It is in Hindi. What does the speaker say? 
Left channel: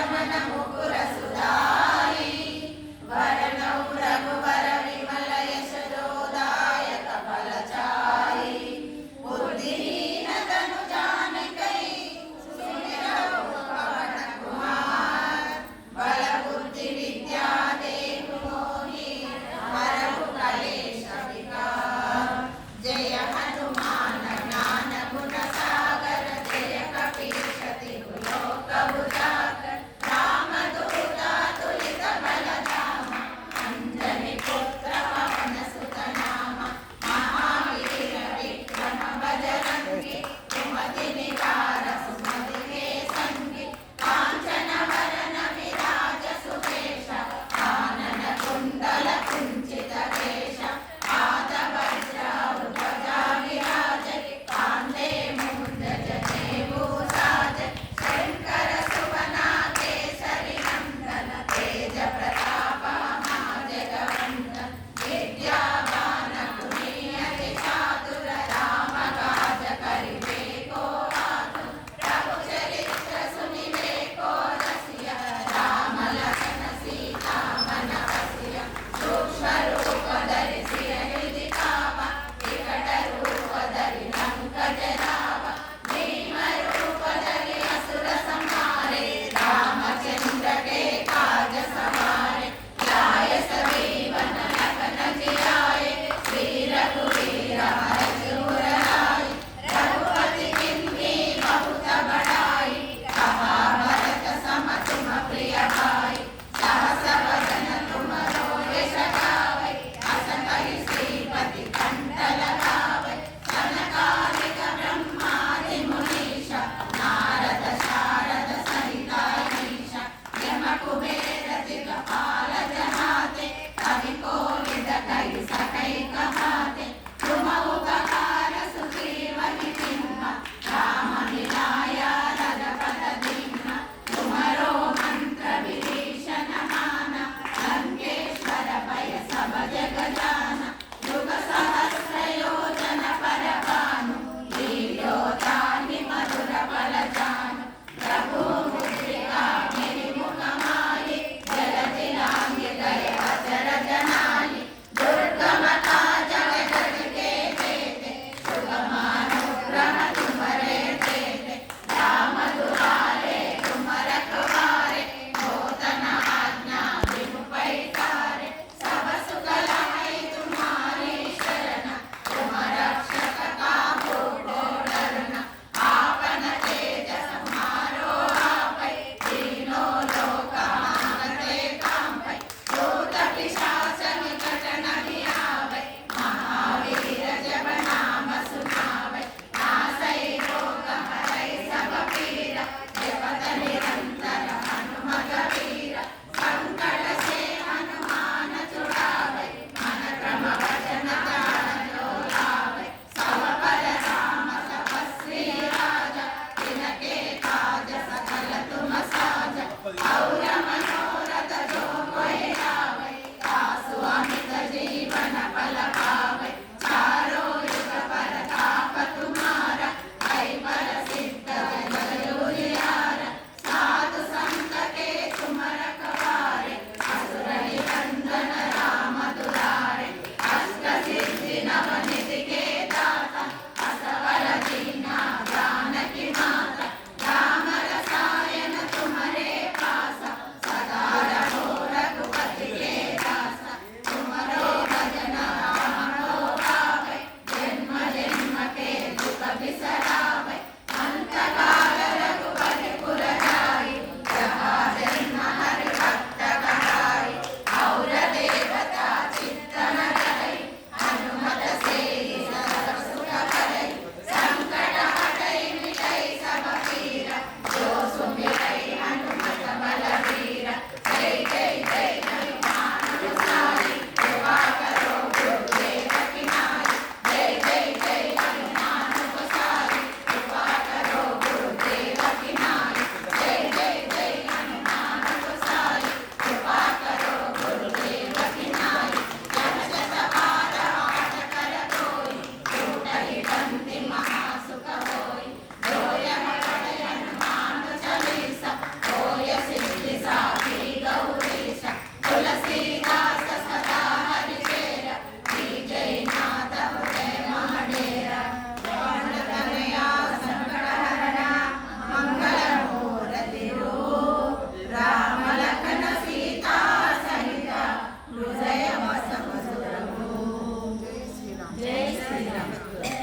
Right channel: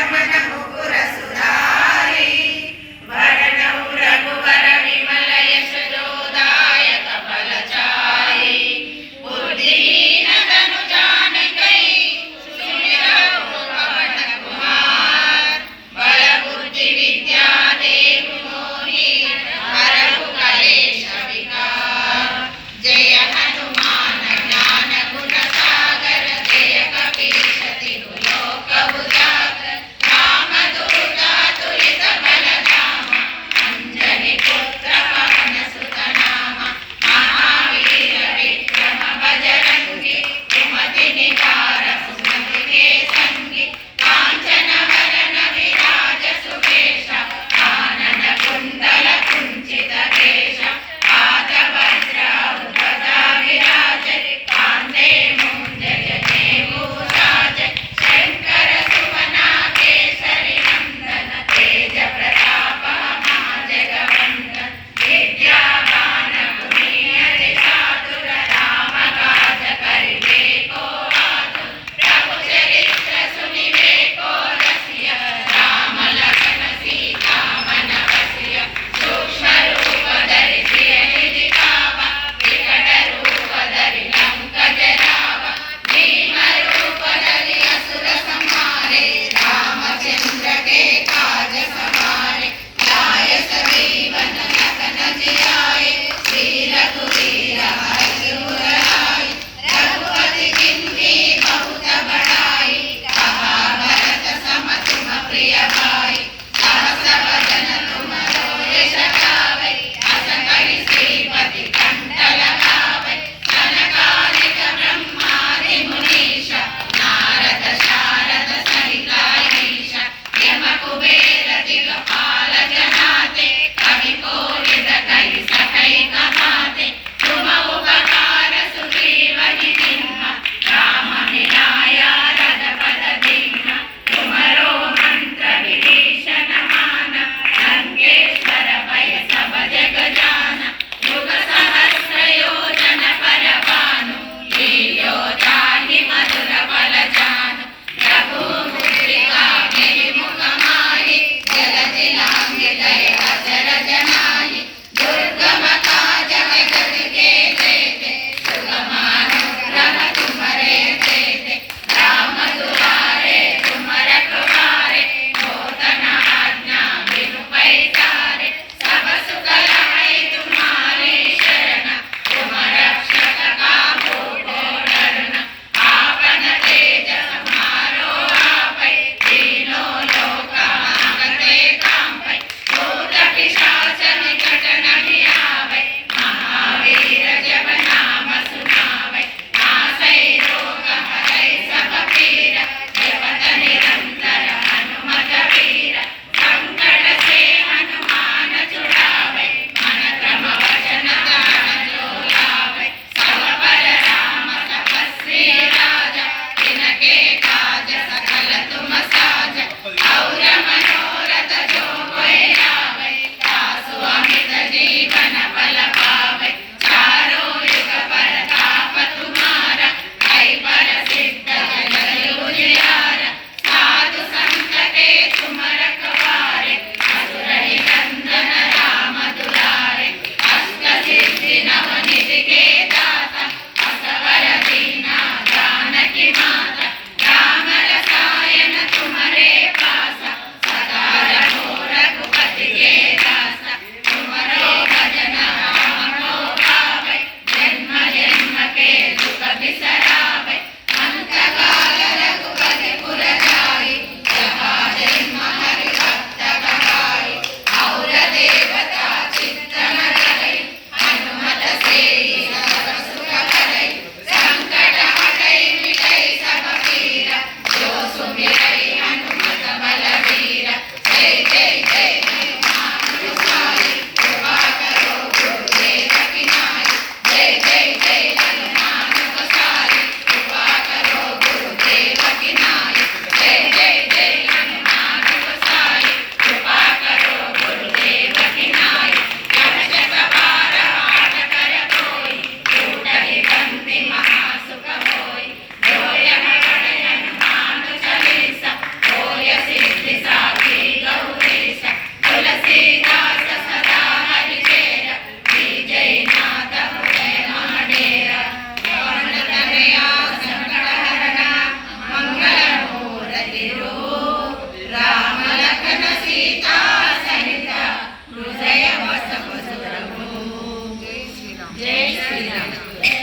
सर्वनभूत Gracias.